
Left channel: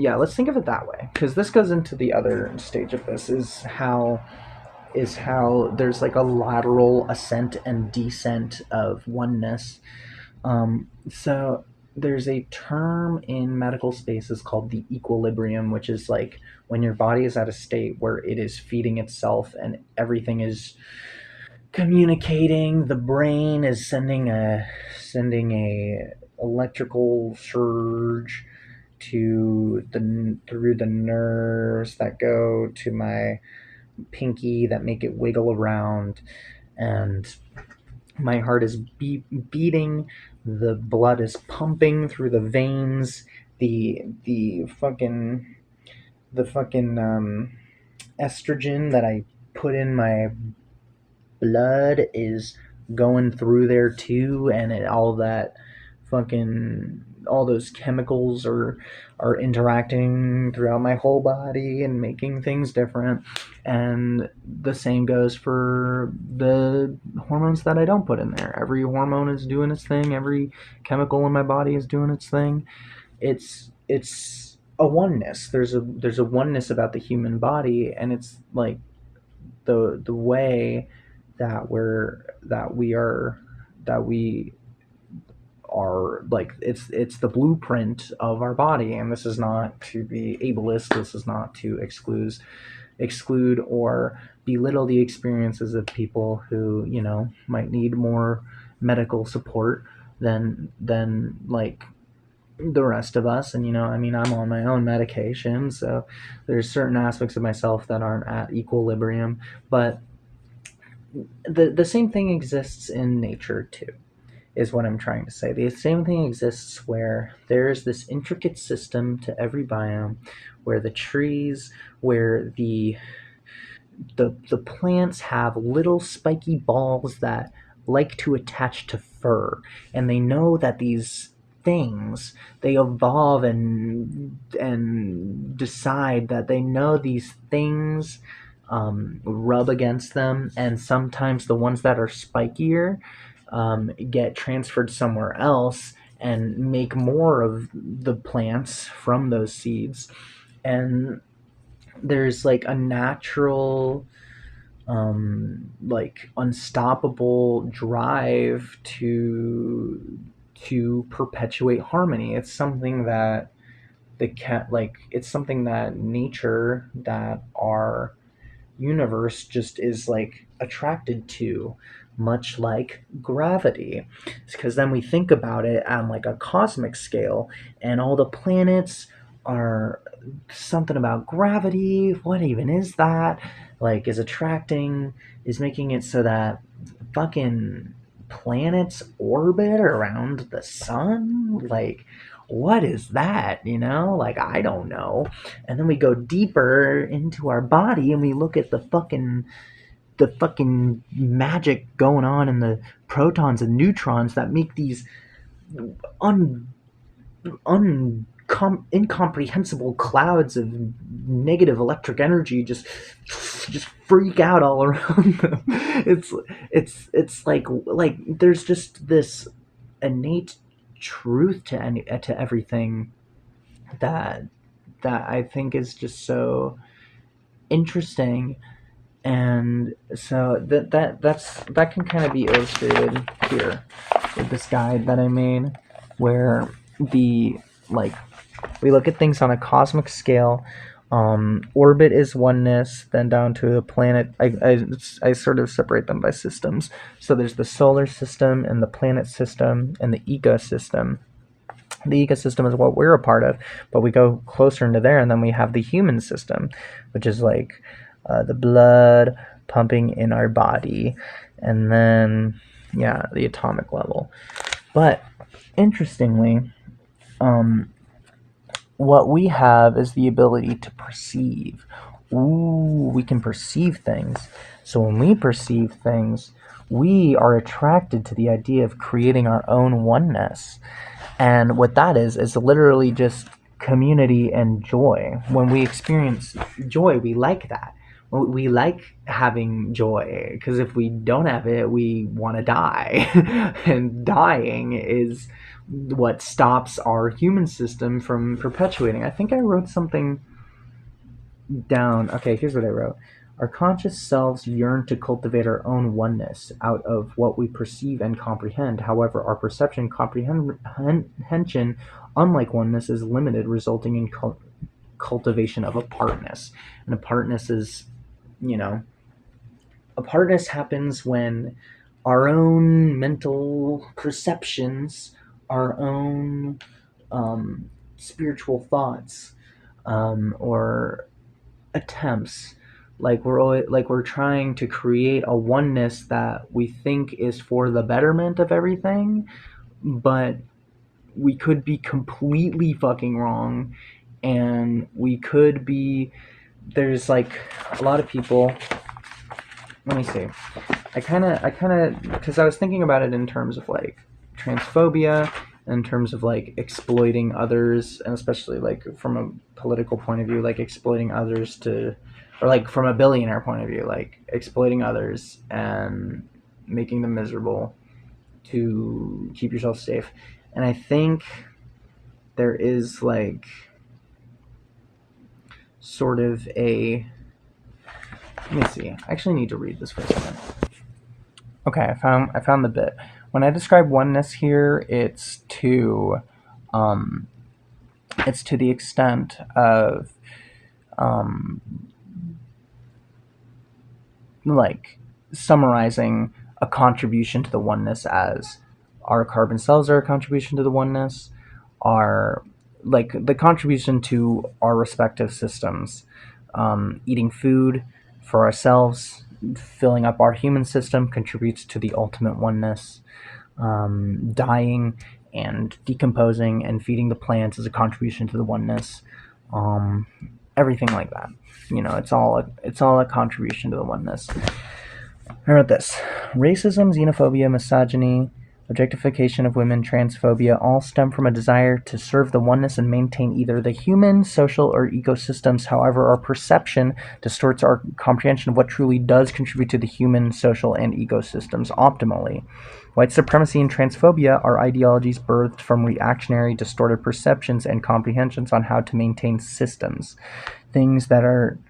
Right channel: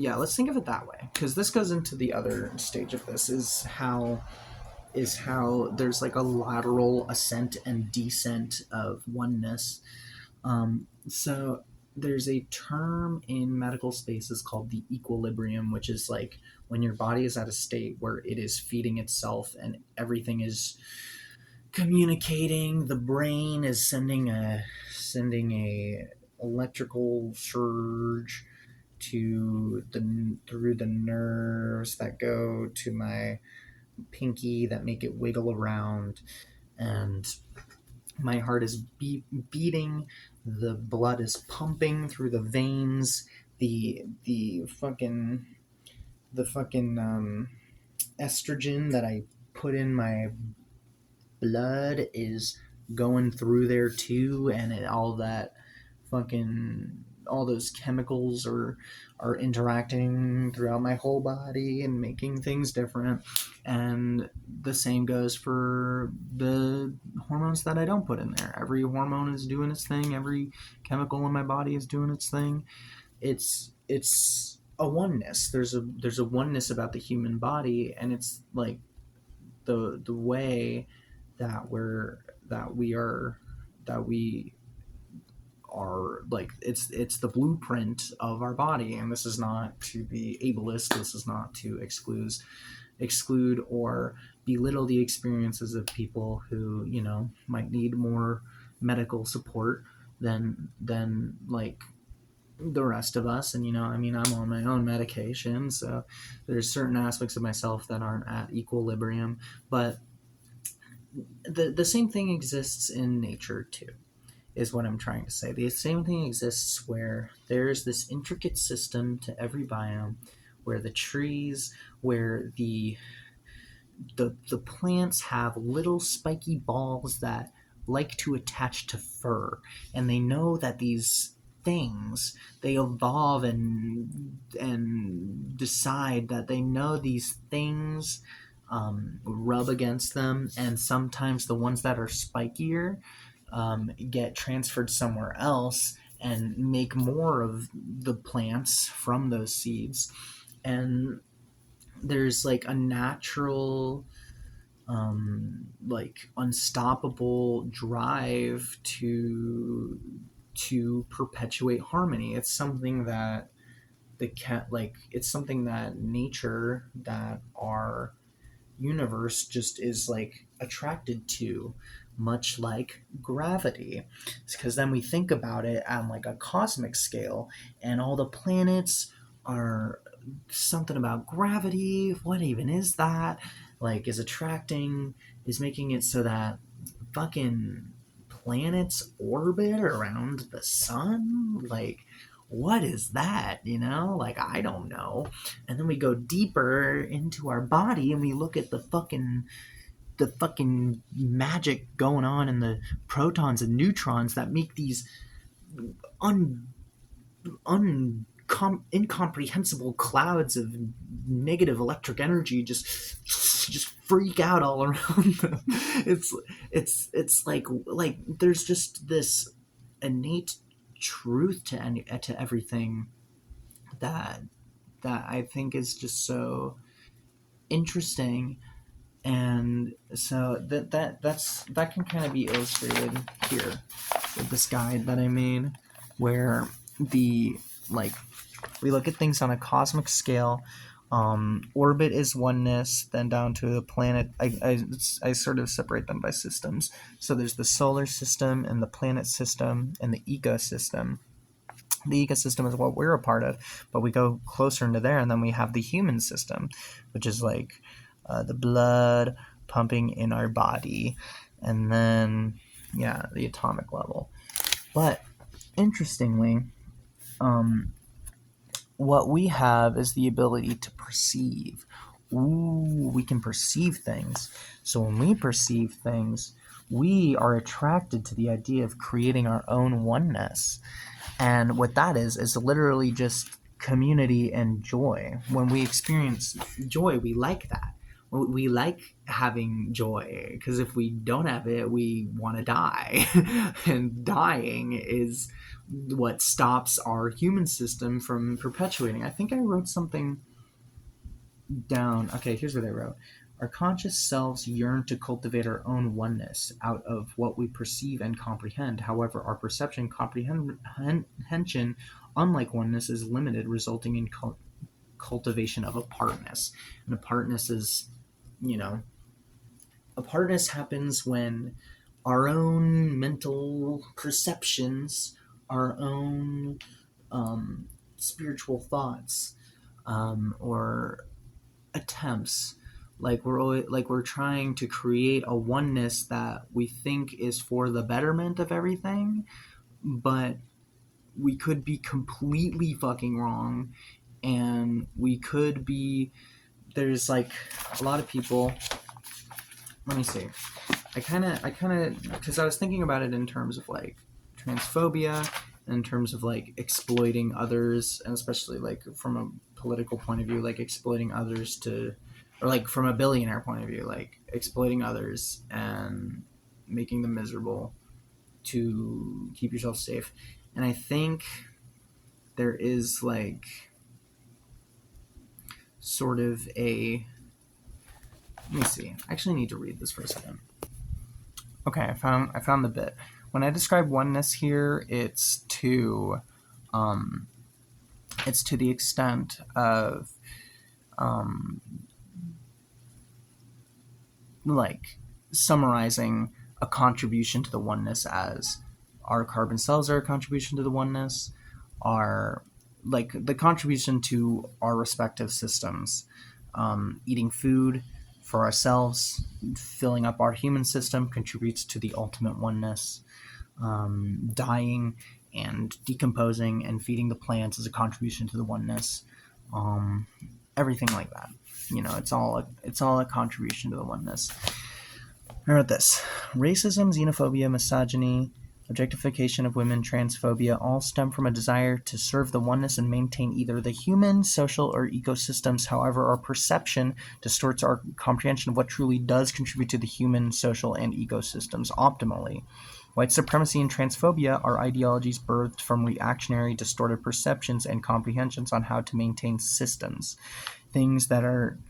yeah, let's think of it that way, because this goes into the other stage of this, is how there's like a lateral ascent and descent of oneness. So there's a term in medical spaces called the equilibrium, which is like when your body is at a state where it is feeding itself and everything is communicating. The brain is sending a electrical surge to the through the nerves that go to my pinky that make it wiggle around, and my heart is beating, the blood is pumping through the veins, the fucking estrogen that I put in my blood is going through there too, and all those chemicals are interacting throughout my whole body and making things different. And the same goes for the hormones that I don't put in there. Every hormone is doing its thing, every chemical in my body is doing its thing. It's a oneness. There's a oneness about the human body, and it's like the way that we are like, it's the blueprint of our body. And this is not to be ableist, this is not to exclude or belittle the experiences of people who, might need more medical support than like the rest of us. And I mean, I'm on my own medication, so there's certain aspects of myself that aren't at equilibrium. But the same thing exists in nature too, is what I'm trying to say. The same thing exists where there is this intricate system to every biome, where the trees, where the plants have little spiky balls that like to attach to fur, and they know that these things, they evolve and decide that they know these things rub against them, and sometimes the ones that are spikier get transferred somewhere else and make more of the plants from those seeds. And there's like a natural like unstoppable drive to perpetuate harmony. It's something that it's something that nature, that our universe just is like attracted to, much like gravity. Because then we think about it on like a cosmic scale, and all the planets are something about gravity. What even is that? Like, is making it so that fucking planets orbit around the sun. Like, what is that? Like, I don't know. And then we go deeper into our body and we look at the fucking magic going on in the protons and neutrons that make these incomprehensible clouds of negative electric energy just freak out all around them. It's like there's just this innate truth to everything that I think is just so interesting. And so that can kind of be illustrated here with this guide that I made, where the like we look at things on a cosmic scale. Orbit is oneness, then down to the planet. I sort of separate them by systems. So there's the solar system and the planet system and the ecosystem. The ecosystem is what we're a part of, but we go closer into there, and then we have the human system, which is like the blood pumping in our body, and then the atomic level. But interestingly, what we have is the ability to perceive. We can perceive things. So when we perceive things, we are attracted to the idea of creating our own oneness. And what that is literally just community and joy. When we experience joy, we like that. We like having joy, because if we don't have it, we want to die. And dying is what stops our human system from perpetuating. I think I wrote something down. Okay, here's what I wrote. Our conscious selves yearn to cultivate our own oneness out of what we perceive and comprehend. However, our perception comprehension, unlike oneness, is limited, resulting in cultivation of apartness. And apartness is, you know, apartness happens when our own mental perceptions, our own spiritual thoughts, or attempts, we're trying to create a oneness that we think is for the betterment of everything, but we could be completely fucking wrong, and we could be there's like a lot of people. Let me see. I kind of because I was thinking about it in terms of like transphobia, in terms of like exploiting others, and especially like from a political point of view, like exploiting others to, or like from a billionaire point of view, like exploiting others and making them miserable to keep yourself safe. And I think there is like sort of a, let me see. I actually need to read this for a second. Okay, I found the bit. When I describe oneness here, um, it's to the extent of um, like summarizing a contribution to the oneness as our carbon cells are a contribution to the oneness, our like the contribution to our respective systems, eating food for ourselves, filling up our human system contributes to the ultimate oneness. Dying and decomposing and feeding the plants is a contribution to the oneness. Um, Everything like that. It's all a contribution to the oneness. I wrote this: racism, xenophobia, misogyny, objectification of women, transphobia all stem from a desire to serve the oneness and maintain either the human, social, or ecosystems. However, our perception distorts our comprehension of what truly does contribute to the human, social, and ecosystems optimally. White supremacy and transphobia are ideologies birthed from reactionary, distorted perceptions and comprehensions on how to maintain systems. Things that are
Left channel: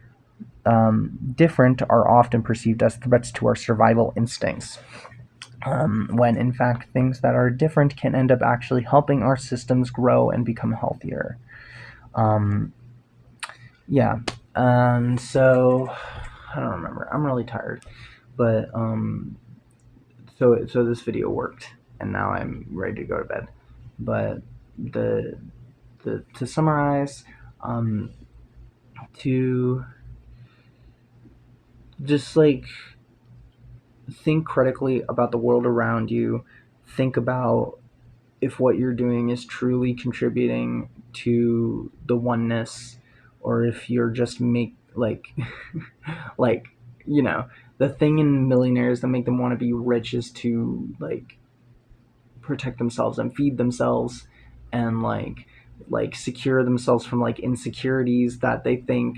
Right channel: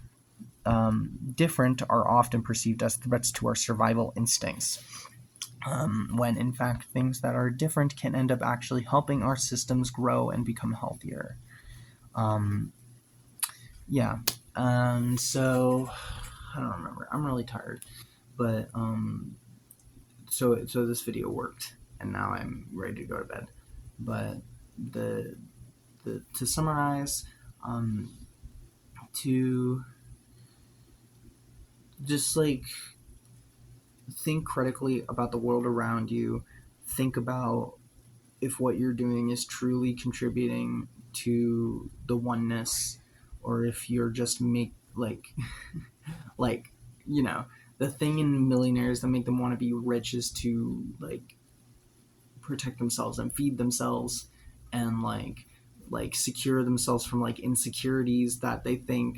different are often perceived as threats to our survival instincts, when in fact things that are different can end up actually helping our systems grow and become healthier. Um, yeah. So I don't remember. I'm really tired, but so this video worked, and now I'm ready to go to bed. But the to summarize, um, to just like think critically about the world around you. Think about if what you're doing is truly contributing to the oneness, or if you're just like the thing in millionaires that make them want to be rich is to like protect themselves and feed themselves and like secure themselves from like insecurities that they think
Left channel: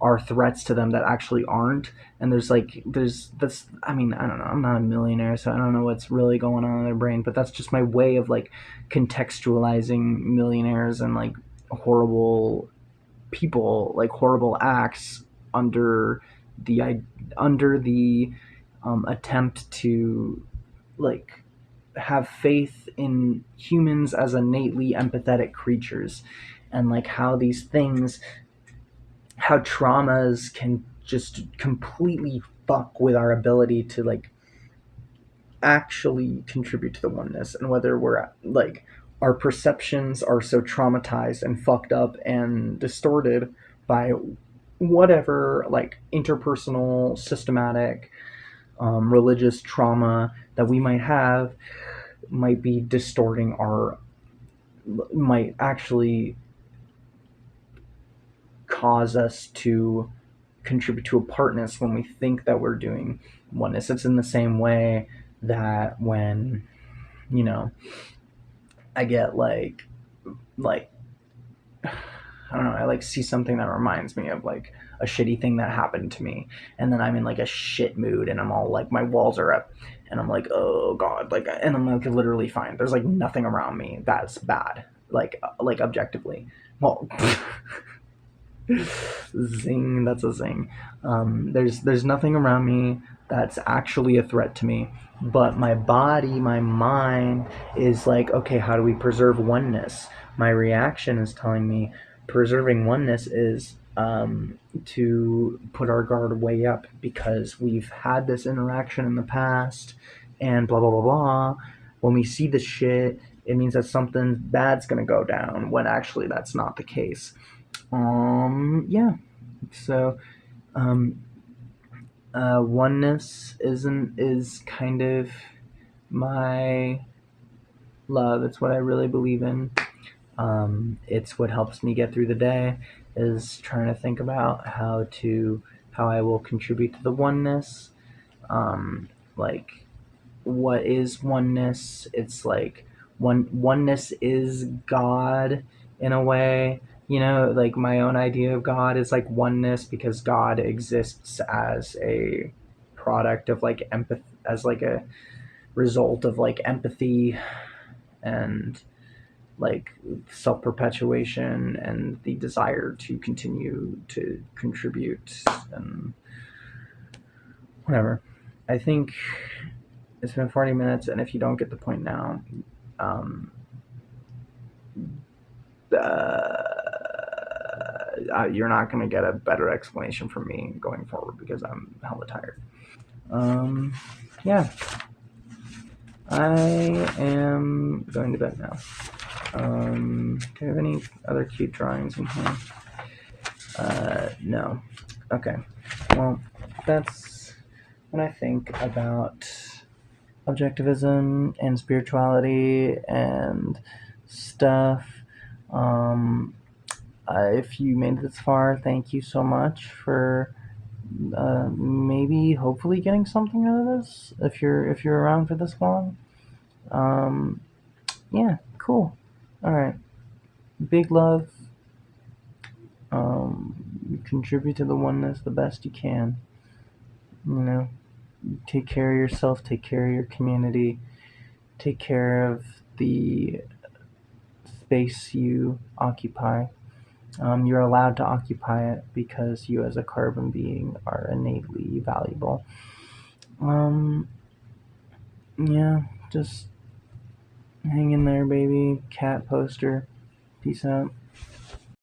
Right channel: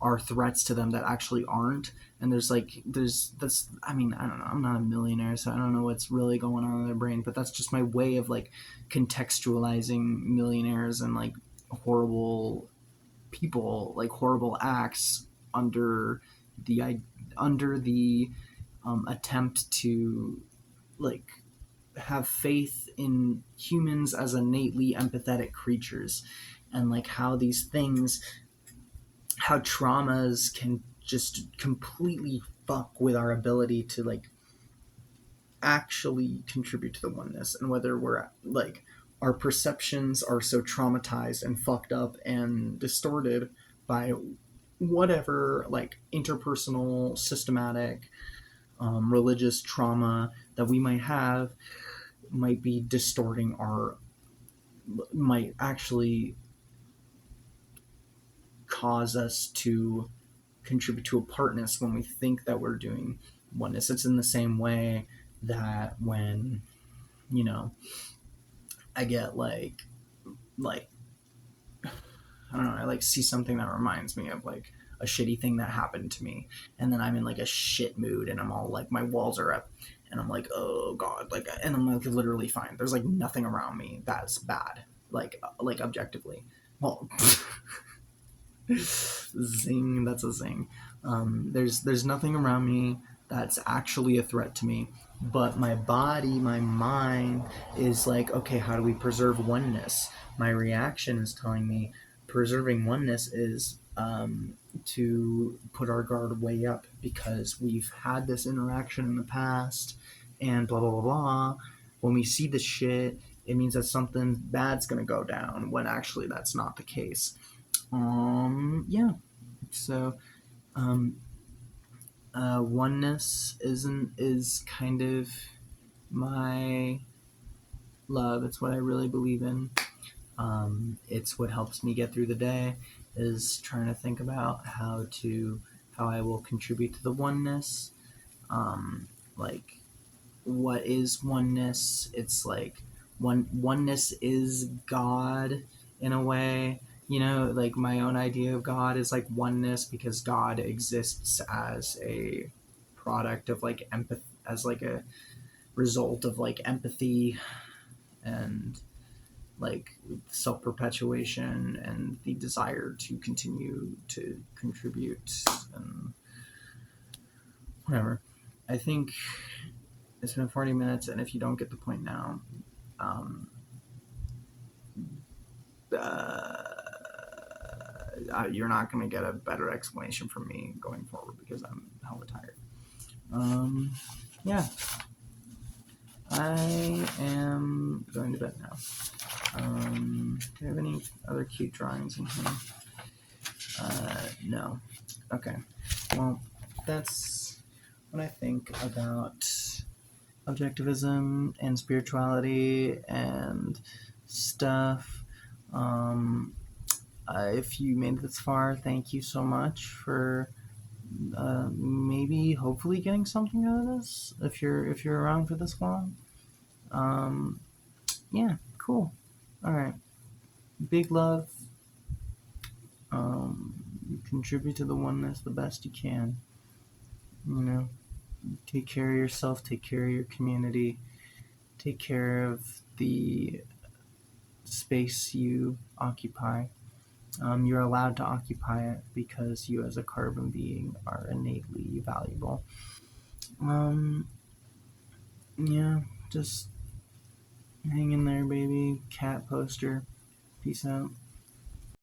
are threats to them that actually aren't. And there's this, I mean, I don't know, I'm not a millionaire, so I don't know what's really going on in their brain, but that's just my way of like contextualizing millionaires and like horrible people, like horrible acts under the under the attempt to like have faith in humans as innately empathetic creatures, and like how these things, how traumas can just completely fuck with our ability to like actually contribute to the oneness, and whether we're like our perceptions are so traumatized and fucked up and distorted by whatever like interpersonal systematic religious trauma that we might have, might be distorting our, might actually cause us to contribute to apartness when we think that we're doing oneness. It's in the same way that when, you know, I get like I don't know, I like see something that reminds me of like a shitty thing that happened to me, and then I'm in like a shit mood and I'm all like my walls are up, and I'm like, oh god, like, and I'm like literally fine. There's like nothing around me that's bad, like objectively. Well, zing, that's a zing. There's nothing around me that's actually a threat to me, but my body, my mind is like, okay, how do we preserve oneness? My reaction is telling me preserving oneness is to put our guard way up because we've had this interaction in the past and blah blah blah blah. When we see the shit, it means that something bad's gonna go down when actually that's not the case. Yeah. So, um, oneness is kind of my love. It's what I really believe in. It's what helps me get through the day. Is trying to think about how I will contribute to the oneness. Like, what is oneness? It's like oneness is God in a way. You know, like my own idea of God is like oneness because God exists as a product of like empathy, as like a result of like empathy and like self perpetuation and the desire to continue to contribute and whatever. I think it's been 40 minutes, and if you don't get the point now, um, you're not going to get a better explanation from me going forward because I'm hella tired. Yeah, I am going to bed now. Do you have any other cute drawings in here? No. Okay. Well, that's what I think about objectivism and spirituality and stuff. Um, if you made it this far, thank you so much for maybe hopefully getting something out of this. If you're around for this long, um, yeah, cool. All right, big love. You contribute to the oneness the best you can. You know, take care of yourself. Take care of your community. Take care of the space you occupy. You're allowed to occupy it because you, as a carbon being, are innately valuable. Um, yeah, just hang in there, baby. Cat poster. Peace out.